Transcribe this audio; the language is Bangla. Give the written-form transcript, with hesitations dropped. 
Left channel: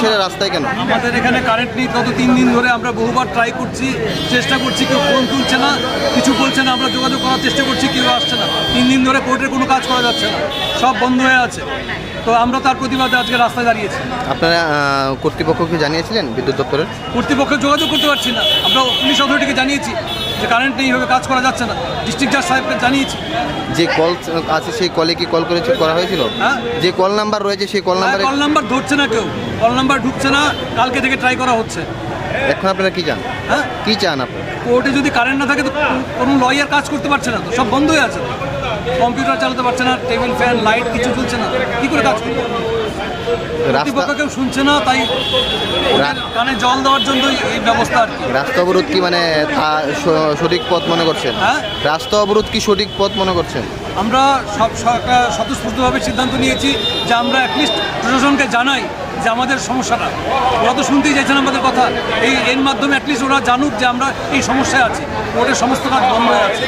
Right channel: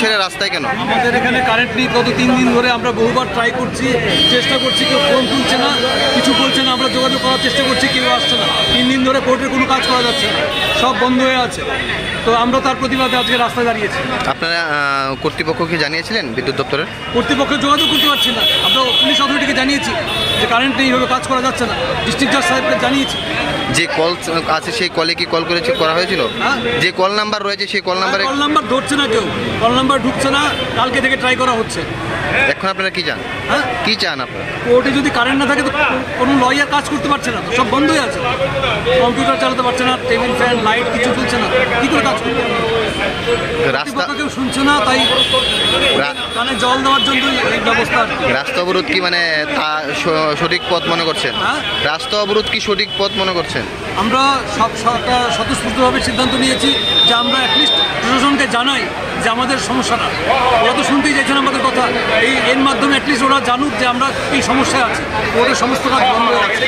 ছেড়ে রাস্তায় কেন? আমাদের এখানে কারেন্ট নেই। গত 3 দিন ধরে আমরা বহুবার ট্রাই করছি, চেষ্টা করছি, কেউ ফোন তুলছে না, কিছু বলছে না। আমরা যোগাযোগ করার চেষ্টা করছি, কেউ আসছে না। 3 দিন ধরে কোর্টের কোনো কাজ করা যাচ্ছে না, সব বন্ধ হয়ে আছে। তো আমরা তার প্রতিবাদে আজকে রাস্তায় দাঁড়িয়েছি। আপনারা কর্তৃপক্ষকে জানিয়েছিলেন? বিদ্যুৎ দপ্তরের কর্তৃপক্ষে যোগাযোগ করতে পারছি না। আমরা পুলিশ অথরিটিকে জানিয়েছি যে কারেন্ট নেই, এইভাবে কাজ করা যাচ্ছে না। ডিস্ট্রিক্ট জাজ সাহেবকে জানিয়েছি। যে কল আছে সেই কলে কি কল করা হয়েছিল? হ্যাঁ, যে কল নাম্বার রয়েছে সেই কল নাম্বার ধরছে না কেউ, কল নাম্বার ঢুকছে না। কালকে থেকে ট্রাই করা হচ্ছে। এখন আপনারা কি চান? হ্যাঁ, কি চান আপনারা? কোর্টে যদি কারেন্ট না থাকে তো কোনো লয়ার কাজ করতে পারছে না, সব বন্ধ হয়ে আছে। কম্পিউটার চালাতে পারছে না, টেবিল ফ্যান লাইট কিছু চলছে না, কী করে কাজ করবে? রাস্তা কেউ শুনছে না, তাই কানে জল দেওয়ার জন্যই এই ব্যবস্থা। রাস্তা অবরোধ কি মানে সঠিক পথ মনে করছেন? হ্যাঁ, রাস্তা অবরোধ কি সঠিক পথ মনে করছেন? আমরা সব স্বতঃস্ফূর্তভাবে সিদ্ধান্ত নিয়েছি যে আমরা অ্যাটলিস্ট প্রশাসনকে জানাই যে আমাদের সমস্যাটা। ওরা তো শুনতেই চাইছেন আমাদের কথা। এর মাধ্যমে অ্যাটলিস্ট ওরা জানুক যে আমরা এই সমস্যায় আছি। ওদের সমস্ত কাজ বন্ধ আছে।